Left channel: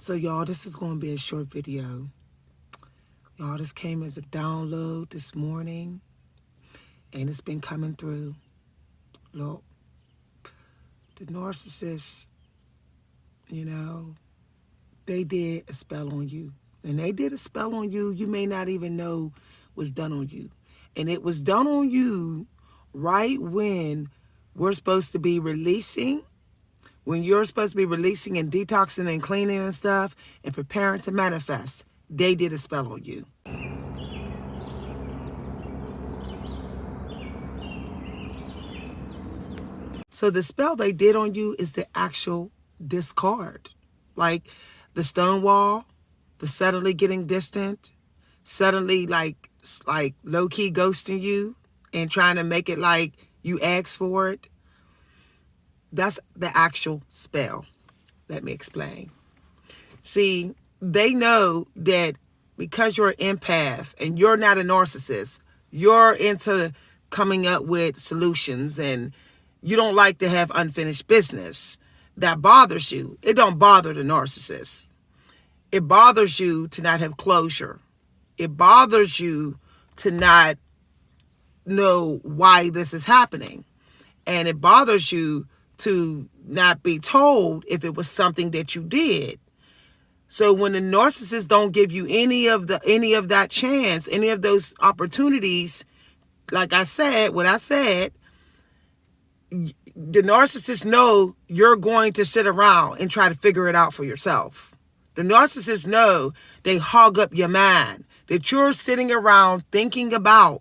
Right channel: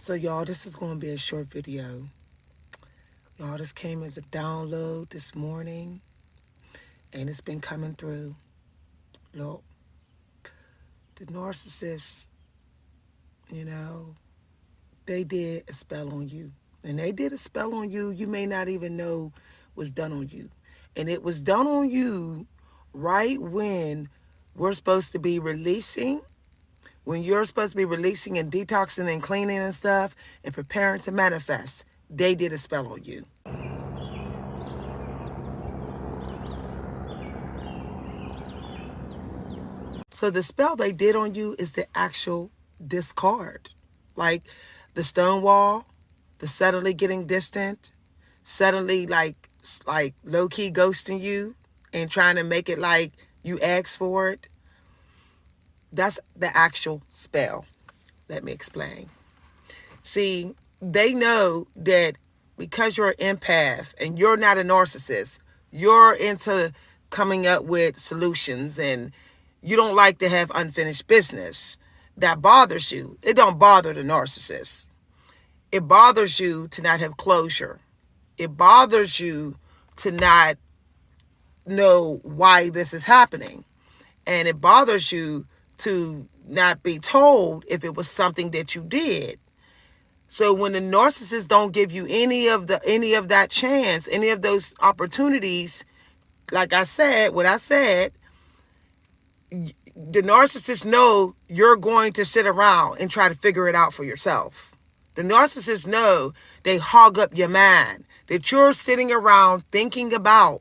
So y'all, this is going to be a short video. Y'all, this came as a download this morning, and it's been coming through. Look, the narcissist, you know, they did a spell on you. And they did a spell on you you may not even know was done on you. And it was done on you right when we're supposed to be releasing, when you're supposed to be releasing and detoxing and cleaning and stuff and preparing to manifest. They did a spell on you. So the spell they did on you is the actual discard. Like the stone wall, the suddenly getting distant, suddenly like low-key ghosting you and trying to make it like you asked for it. That's the actual spell. Let me explain. See, they know that because you're an empath and you're not a narcissist, you're into coming up with solutions and you don't like to have unfinished business. That bothers you. It don't bother the narcissist. It bothers you to not have closure. It bothers you to not know why this is happening. And it bothers you to not be told if it was something that you did. So when the narcissist don't give you any of that chance, any of those opportunities, like I said, the narcissists know you're going to sit around and try to figure it out for yourself. The narcissists know they hog up your mind, that you're sitting around thinking about,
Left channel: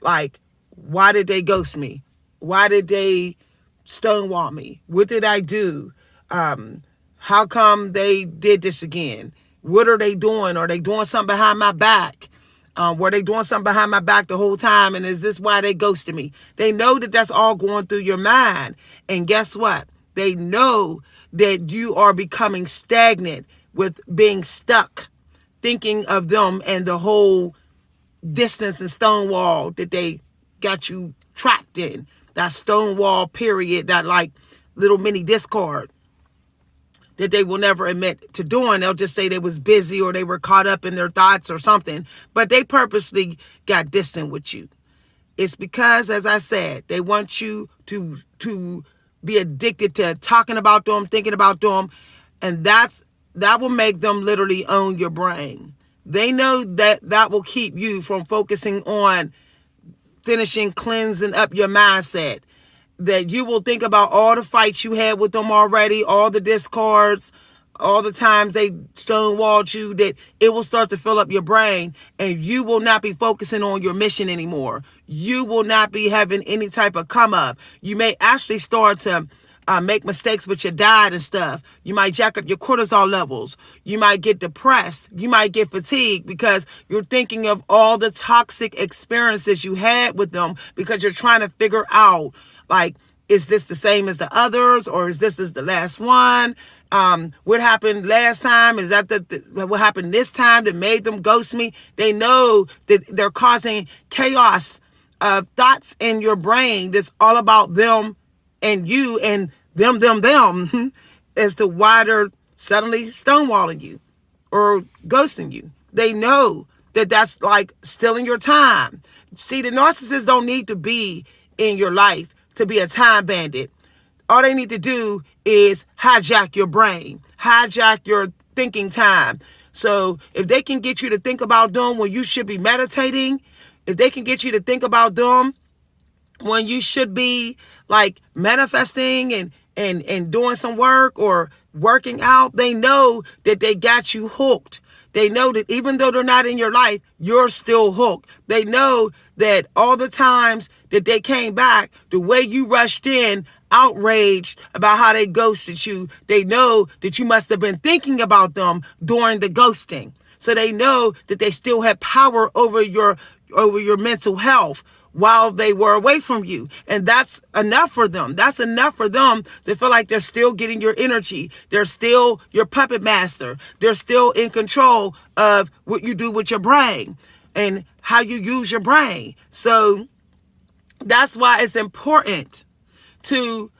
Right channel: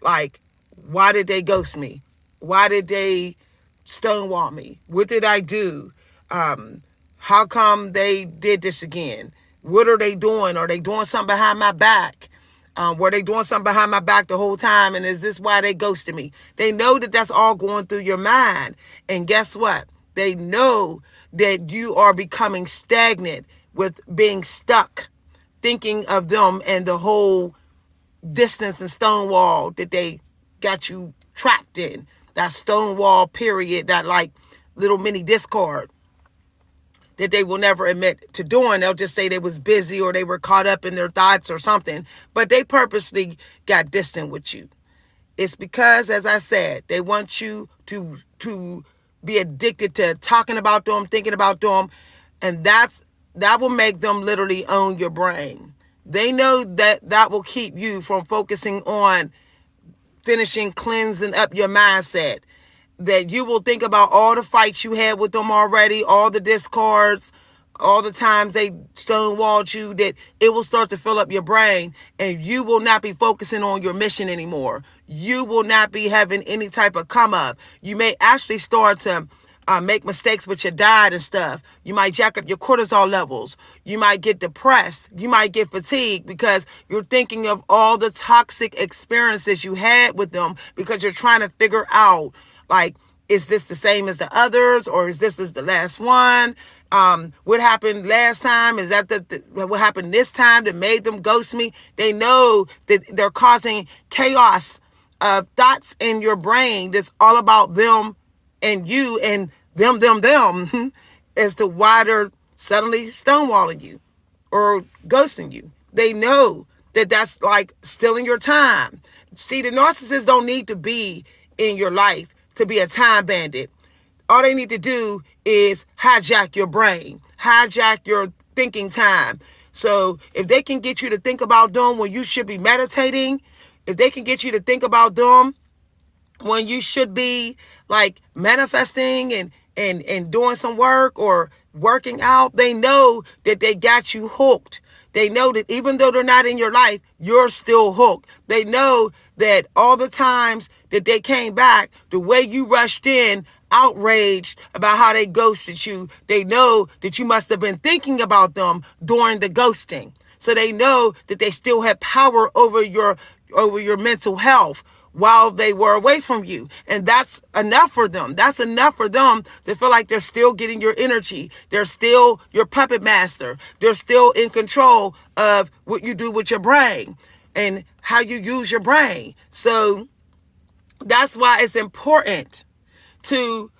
like, why did they ghost me? Why did they stonewall me? What did I do? How come they did this again? What are they doing? Are they doing something behind my back? Were they doing something behind my back the whole time? And is this why they ghosted me? They know that that's all going through your mind. And guess what? They know that you are becoming stagnant with being stuck, thinking of them and the whole distance and stonewall that they got you trapped in. That stonewall period, that like little mini discard that they will never admit to doing. They'll just say they was busy or they were caught up in their thoughts or something, but they purposely got distant with you. It's because, as I said, they want you to be addicted to talking about them, thinking about them, and that will make them literally own your brain. They know that will keep you from focusing on finishing cleansing up your mindset. That you will think about all the fights you had with them already, all the discards, all the times they stonewalled you, that it will start to fill up your brain and you will not be focusing on your mission anymore. You will not be having any type of come up. You may actually start to make mistakes with your diet and stuff. You might jack up your cortisol levels. You might get depressed. You might get fatigued because you're thinking of all the toxic experiences you had with them because you're trying to figure out, like, is this the same as the others, or is this the last one? What happened last time? Is that what happened this time that made them ghost me? They know that they're causing chaos of thoughts in your brain that's all about them and you and them as to why they're suddenly stonewalling you or ghosting you. They know that that's like stealing your time. See, the narcissists don't need to be in your life to be a time bandit. All they need to do is hijack your brain, hijack your thinking time. So if they can get you to think about them when you should be meditating, if they can get you to think about them when you should be like manifesting and doing some work or working out, they know that they got you hooked. They know that even though they're not in your life, you're still hooked. They know that all the times that they came back, the way you rushed in, outraged about how they ghosted you, they know that you must have been thinking about them during the ghosting. So they know that they still had power over your mental health while they were away from you. And that's enough for them. That's enough for them to feel like they're still getting your energy. They're still your puppet master. They're still in control of what you do with your brain and how you use your brain. So that's why it's important to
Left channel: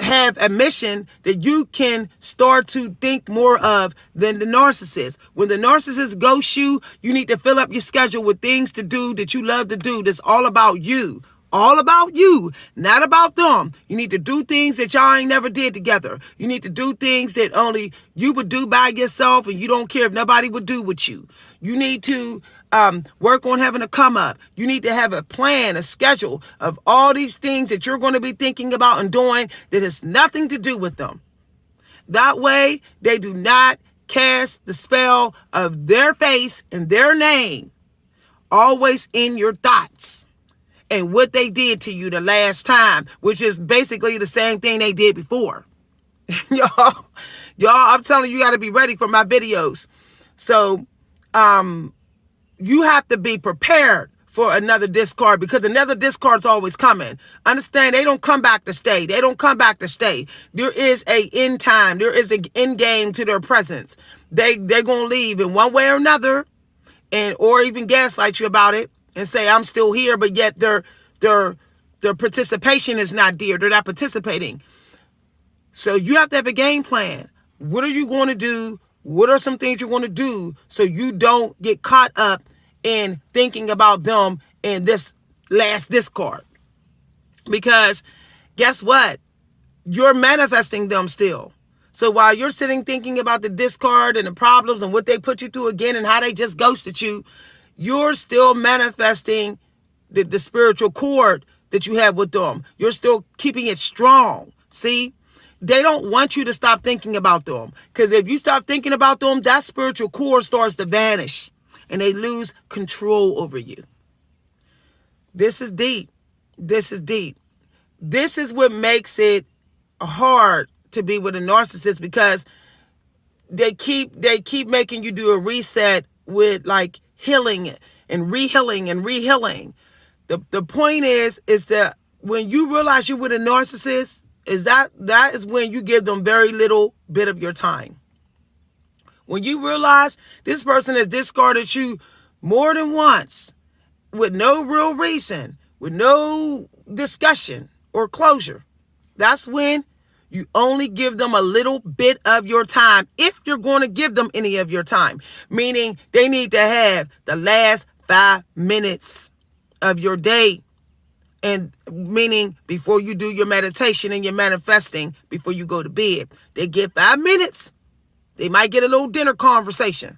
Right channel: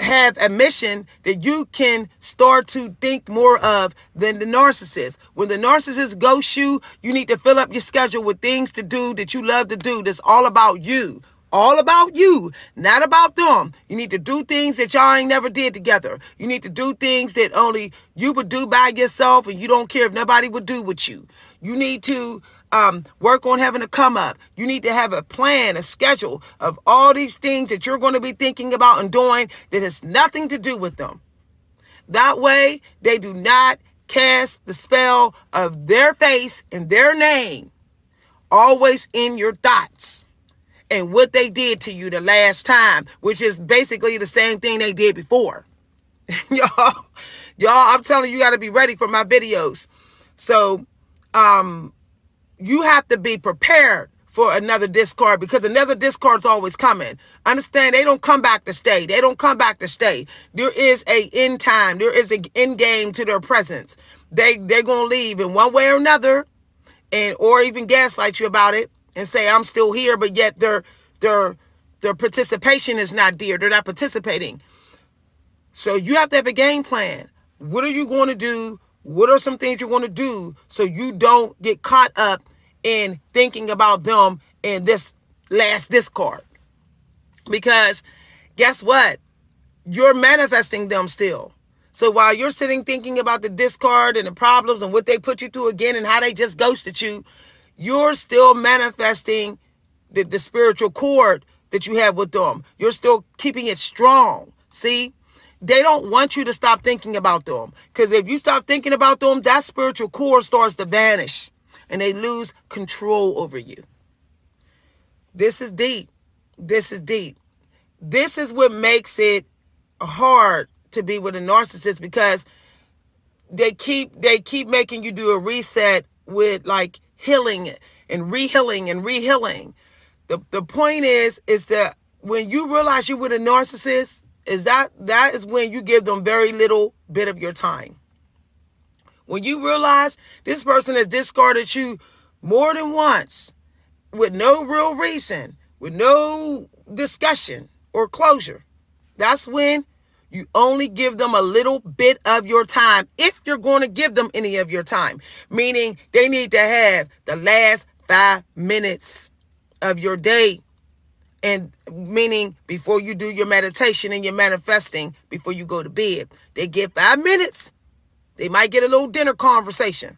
have a mission that you can start to think more of than the narcissist. When the narcissist ghosts you, you need to fill up your schedule with things to do that you love to do that's all about you. All about you, not about them. You need to do things that y'all ain't never did together. You need to do things that only you would do by yourself, and you don't care if nobody would do with you. You need to work on having a come up. You need to have a plan, a schedule of all these things that you're going to be thinking about and doing that has nothing to do with them. That way, they do not cast the spell of their face and their name always in your thoughts and what they did to you the last time, which is basically the same thing they did before. y'all, I'm telling you, you got to be ready for my videos. So, you have to be prepared for another discard, because another discard's always coming. Understand, they don't come back to stay. They don't come back to stay. There is a end time. There is an end game to their presence. They're going to leave in one way or another, and or even gaslight you about it and say, I'm still here, but yet their participation is not there. They're not participating. So you have to have a game plan. What are you going to do? What are some things you're going to do so you don't get caught up in thinking about them in this last discard? Because guess what? You're manifesting them still. So while you're sitting thinking about the discard and the problems and what they put you through again and how they just ghosted you, you're still manifesting the spiritual cord that you have with them. You're still keeping it strong. See? They don't want you to stop thinking about them. Because if you stop thinking about them, that spiritual cord starts to vanish. And they lose control over you. This is deep. This is deep. This is what makes it hard to be with a narcissist, because they keep making you do a reset with like healing and re-healing and re-healing. The point is that when you realize you're with a narcissist, that is when you give them very little bit of your time. When you realize this person has discarded you more than once with no real reason, with no discussion or closure, that's when you only give them a little bit of your time, if you're going to give them any of your time. Meaning they need to have the last 5 minutes of your day. And meaning before you do your meditation and your manifesting, before you go to bed, they get 5 minutes. They might get a little dinner conversation.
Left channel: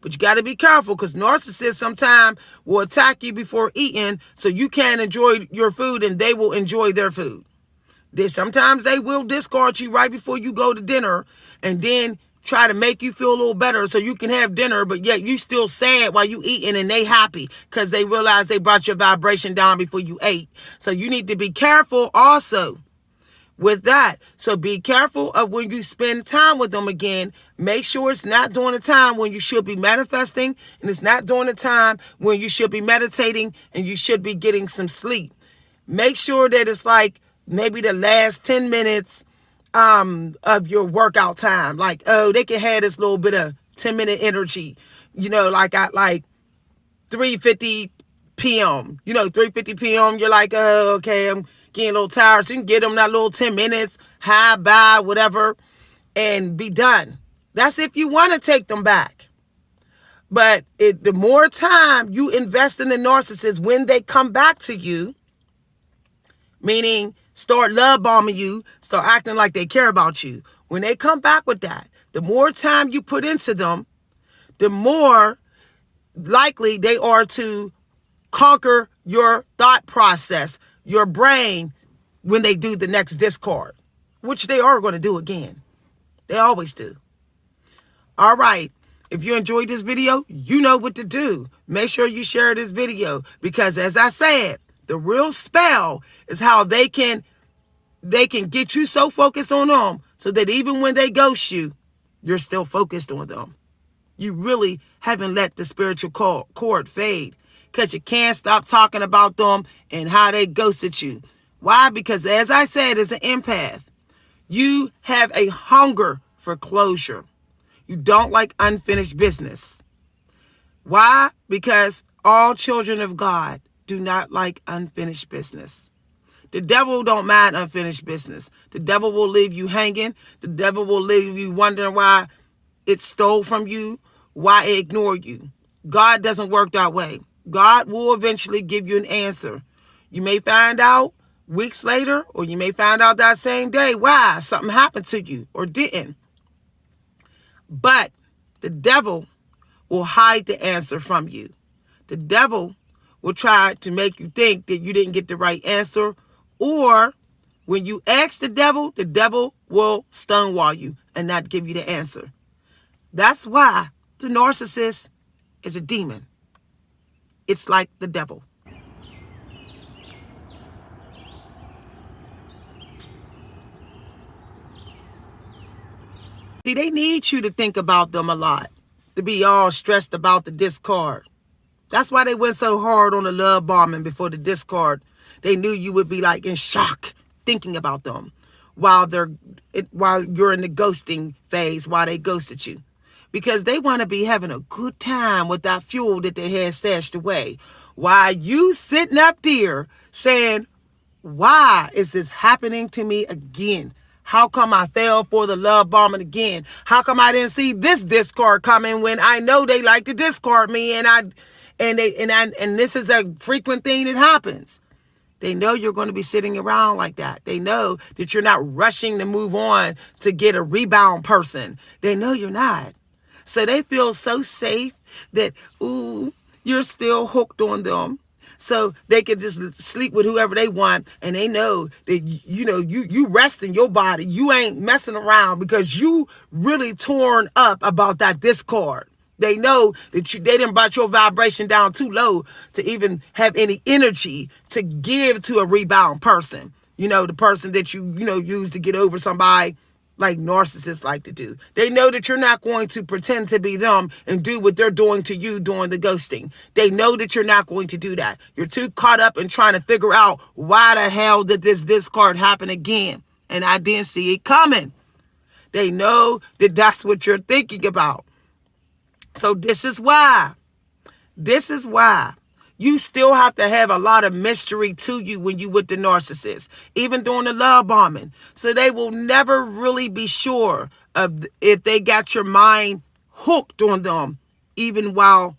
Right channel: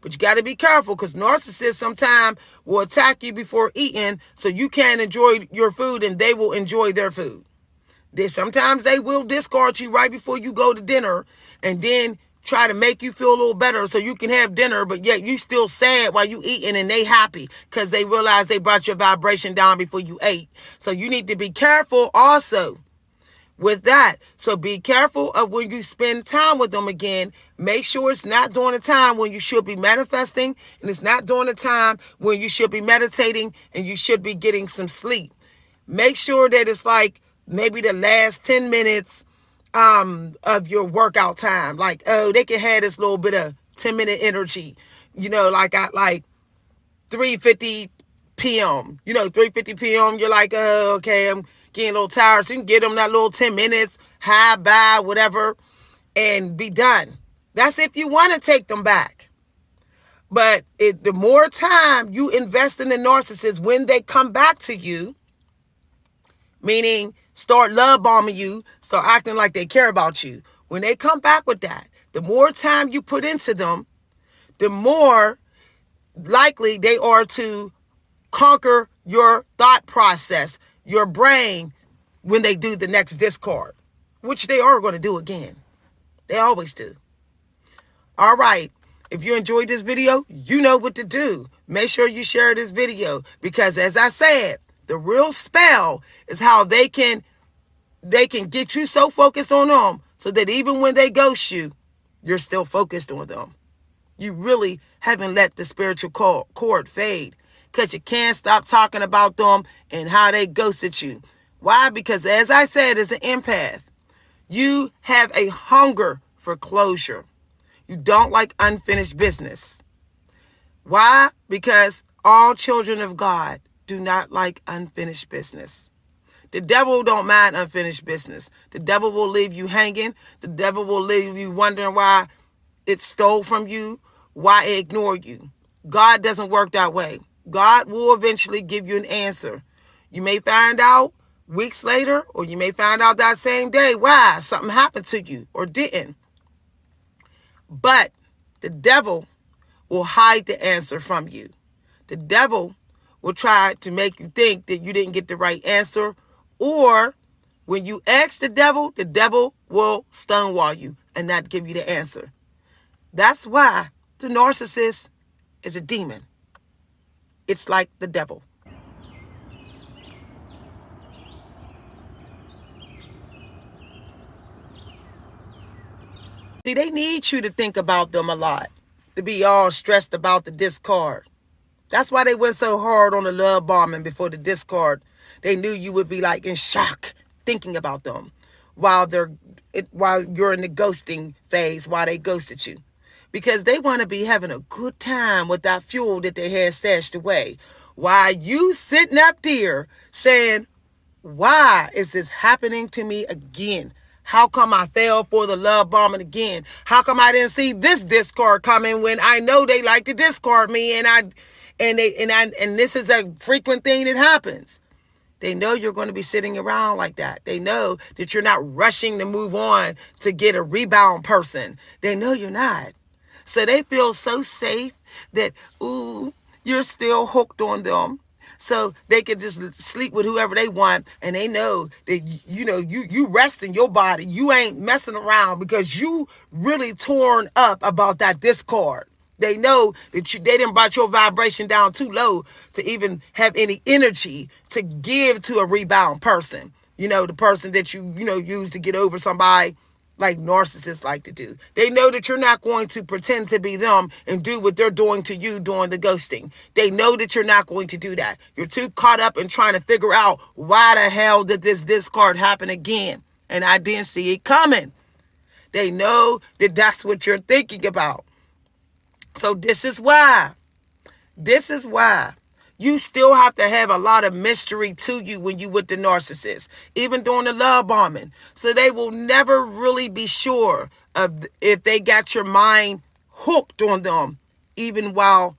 But you got to be careful, because narcissists sometimes will attack you before eating so you can't enjoy your food and they will enjoy their food. Sometimes they will discard you right before you go to dinner and then try to make you feel a little better so you can have dinner, but yet you still sad while you eating and they happy because they realize they brought your vibration down before you ate. So you need to be careful also with that. So be careful of when you spend time with them again. Make sure it's not during the time when you should be manifesting, and it's not during the time when you should be meditating and you should be getting some sleep. Make sure that it's like maybe the last 10 minutes of your workout time. Like, oh, they can have this little bit of 10-minute energy, like at like 3:50 p.m. 3:50 p.m. You're like, oh, okay, I'm getting a little tired. So you can get them that little 10 minutes, hi, bye, whatever, and be done. That's if you want to take them back. But the more time you invest in the narcissist when they come back to you, meaning start love bombing you, start acting like they care about you. When they come back with that, the more time you put into them, the more likely they are to conquer your thought process, your brain, when they do the next discard, which they are going to do again. They always do. All right. If you enjoyed this video, you know what to do. Make sure you share this video, because as I said, the real spell is how they can get you so focused on them so that even when they ghost you, you're still focused on them. You really haven't let the spiritual cord fade, because you can't stop talking about them and how they ghosted you. Why? Because as I said, as an empath, you have a hunger for closure. You don't like unfinished business. Why? Because all children of God do not like unfinished business. The devil don't mind unfinished business. The devil will leave you hanging. The devil will leave you wondering why it stole from you, why it ignored you. God doesn't work that way. God will eventually give you an answer. You may find out weeks later, or you may find out that same day why something happened to you or didn't. But the devil will hide the answer from you. The devil will try to make you think that you didn't get the right answer, or when you ask the devil will stonewall you and not give you the answer. That's why the narcissist is a demon. It's like the devil. See, they need you to think about them a lot, to be all stressed about the discard. That's why they went so hard on the love bombing before the discard. They knew you would be like in shock thinking about them while you're in the ghosting phase, while they ghosted you. Because they want to be having a good time with that fuel that they had stashed away. While you sitting up there saying, why is this happening to me again? How come I fell for the love bombing again? How come I didn't see this discard coming when I know they like to discard me and this is a frequent thing that happens? They know you're going to be sitting around like that. They know that you're not rushing to move on to get a rebound person. They know you're not. So they feel so safe that, you're still hooked on them. So they can just sleep with whoever they want. And they know that, you rest in your body. You ain't messing around because you really torn up about that discard. They know that they didn't brought your vibration down too low to even have any energy to give to a rebound person. The person that you use to get over somebody, like narcissists like to do. They know that you're not going to pretend to be them and do what they're doing to you during the ghosting. They know that you're not going to do that. You're too caught up in trying to figure out why the hell did this discard happen again? And I didn't see it coming. They know that that's what you're thinking about. So this is why you still have to have a lot of mystery to you when you with the narcissist, even during the love bombing. So they will never really be sure of if they got your mind hooked on them, even while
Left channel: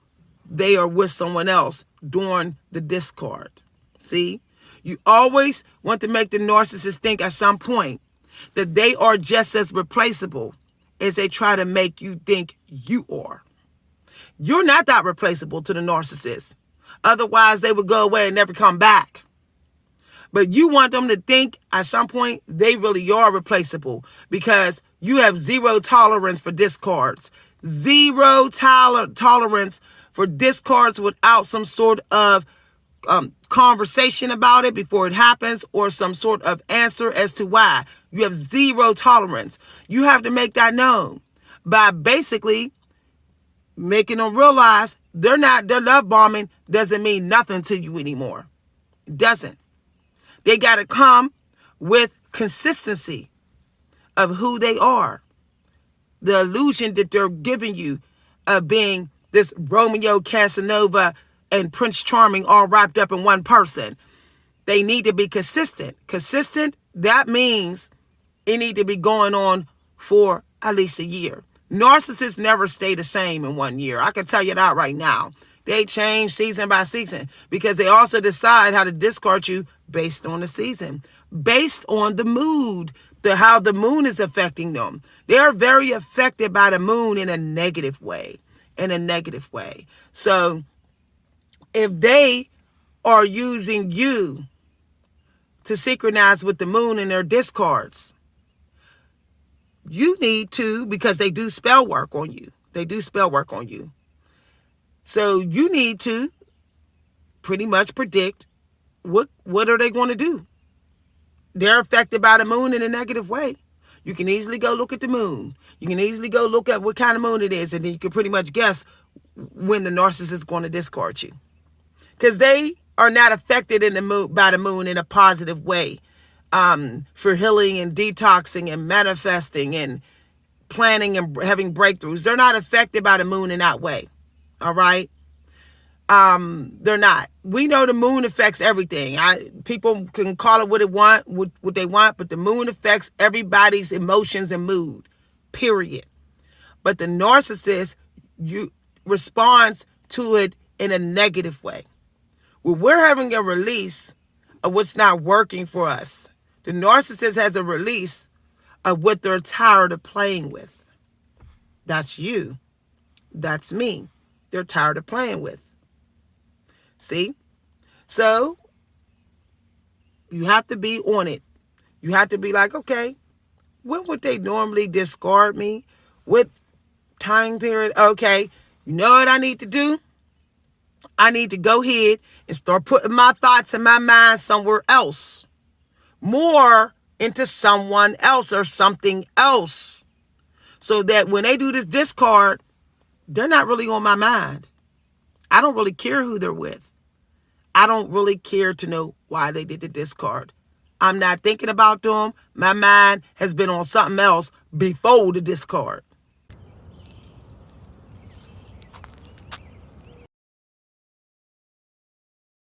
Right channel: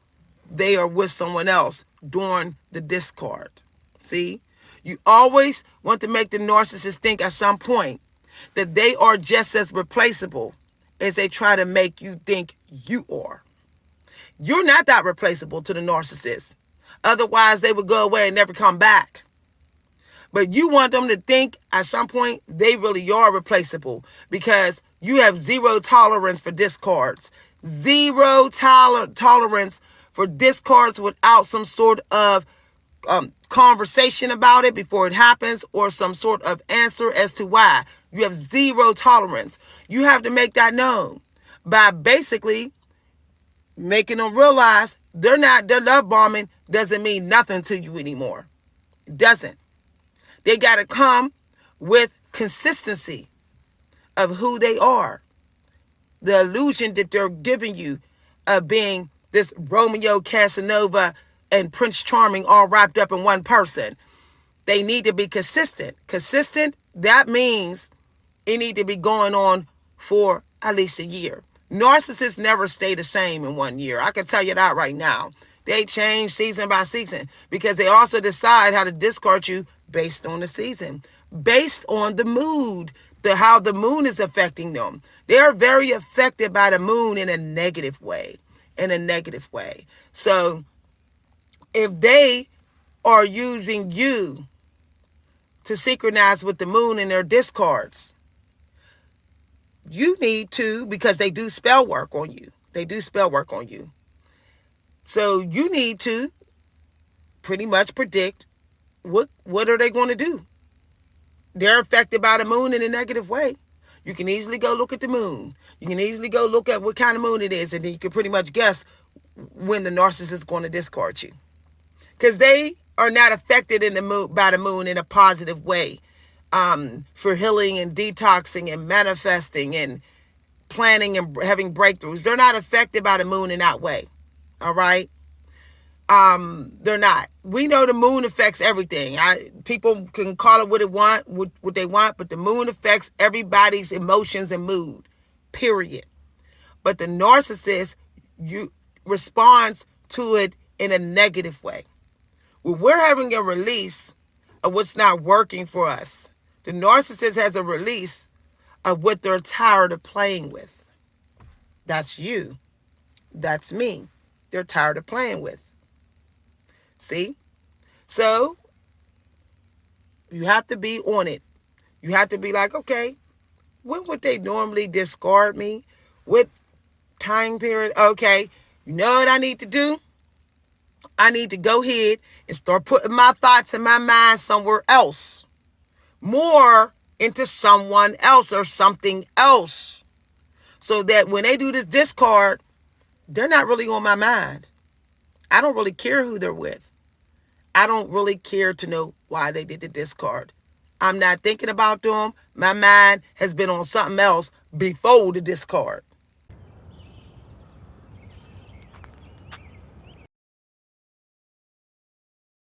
they are with someone else during the discard. See, you always want to make the narcissist think at some point that they are just as replaceable as they try to make you think you are. You're not that replaceable to the narcissist. Otherwise, they would go away and never come back. But you want them to think at some point they really are replaceable because you have zero tolerance for discards. Zero tolerance for discards without some sort of conversation about it before it happens or some sort of answer as to why. You have zero tolerance. You have to make that known by basically making them realize their love bombing doesn't mean nothing to you anymore. It doesn't. They got to come with consistency of who they are. The illusion that they're giving you of being this Romeo Casanova and Prince Charming all wrapped up in one person. They need to be consistent. Consistent, that means it need to be going on for at least a year. Narcissists never stay the same in 1 year. I can tell you that right now. They change season by season because they also decide how to discard you based on the season, based on the mood, how the moon is affecting them. They are very affected by the moon in a negative way, So if they are using you to synchronize with the moon in their discards, you need to, because they do spell work on you. So you need to pretty much predict what are they going to do. They're affected by the moon in a negative way. You can easily go look at the moon. You can easily go look at what kind of moon it is, and then you can pretty much guess when the narcissist is going to discard you. Because they are not affected by the moon in a positive way. For healing and detoxing and manifesting and planning and having breakthroughs. They're not affected by the moon in that way. All right. They're not. We know the moon affects everything. People can call it what they want, but the moon affects everybody's emotions and mood, period. But the narcissist, responds to it in a negative way. When we're having a release of what's not working for us, the narcissist has a release of what they're tired of playing with. That's you. That's me. They're tired of playing with. See? So, you have to be on it. You have to be like, okay, when would they normally discard me? What time period? Okay, you know what I need to do? I need to go ahead and start putting my thoughts and my mind somewhere else. More into someone else or something else. So that when they do this discard, they're not really on my mind. I don't really care who they're with. I don't really care to know why they did the discard. I'm not thinking about them. My mind has been on something else before the discard.